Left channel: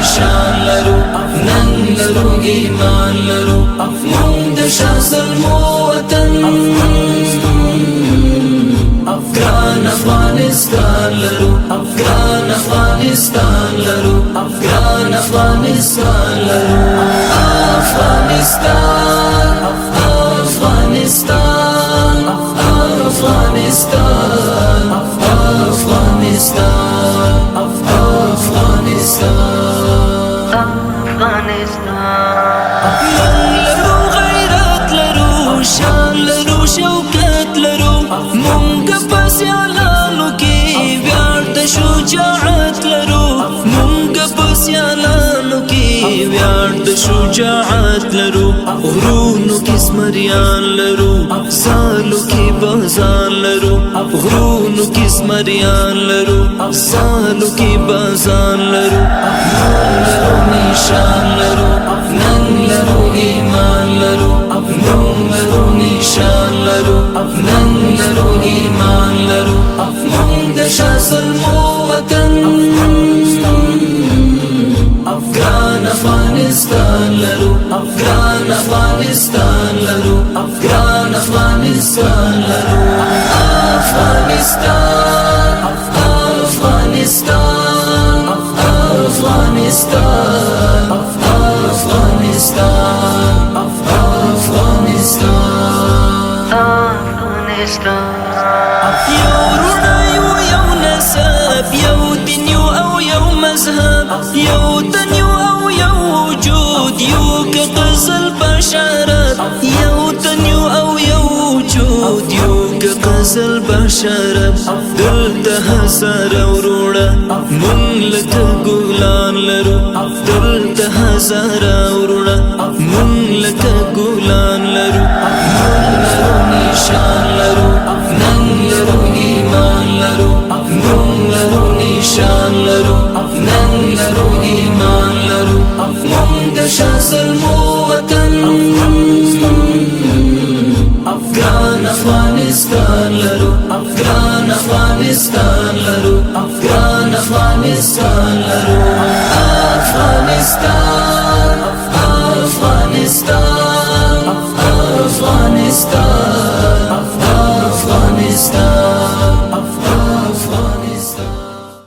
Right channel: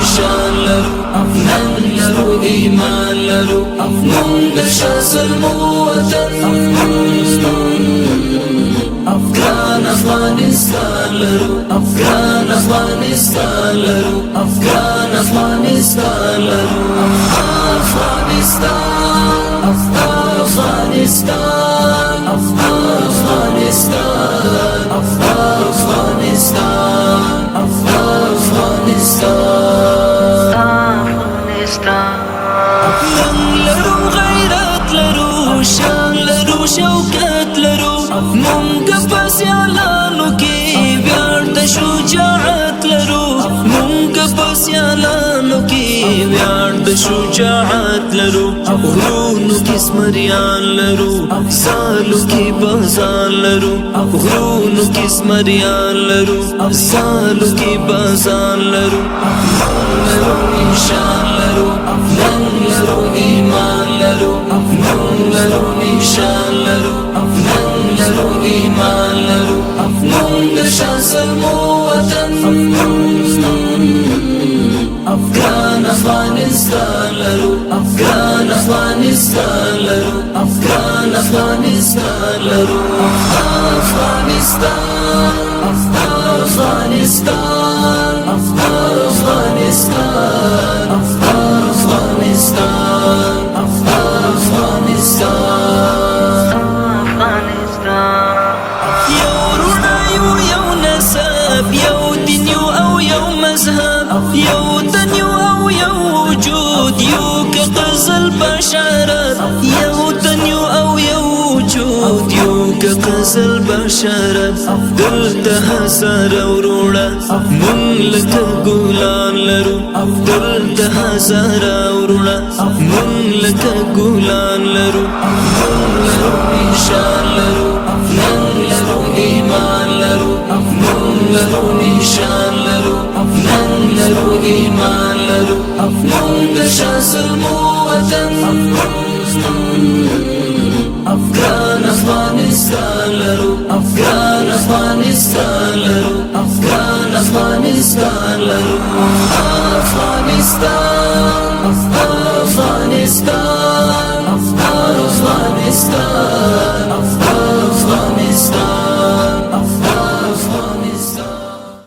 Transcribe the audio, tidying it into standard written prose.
نشان لرو نن لرو ایمان لرو مونږ د شازل مو وطن افغان افغانستان لرو افغان افغانستان لرو افغان افغانستان لرو افغانستان افغانستان افغانستان افغانستان افغانستان نن لرو غیرت لرو شان لرو شوکت لرو مونږ په سیالانو کې ویاړ د شجاعت لرو مونږ په سیالانو کې ویاړ د شجاعت لرو غرونو کې زمریان لرو زالو کې بازان لرو غرونو کې زمریان لرو زالو کې بازان لرو لرو نشان لرو نن لرو ایمان لرو لرو نشان لرو نن لرو ایمان لرو مونږ د شازل مو وطن افغان افغانستان لرو افغان افغانستان لرو افغان افغانستان لرو افغانستان افغانستان افغانستان افغانستان افغانستان یو رونا یو نسب یو دین او یو مذهب یو تن او یو وجود یو كقزل بشرت یو تن او یو وجود یو كقزل بشرت دلته هزار وروړه مونږ لکه ګلان لرو دلته هزار وروړه مونږ لکه ګلان لرو نشان لرو نن لرو ایمان لرو مونږ لرو نشان لرو نن لرو ایمان لرو مونږ د شازل مو وطن افغان افغانستان لرو افغان افغانستان لرو افغان افغانستان لرو افغانستان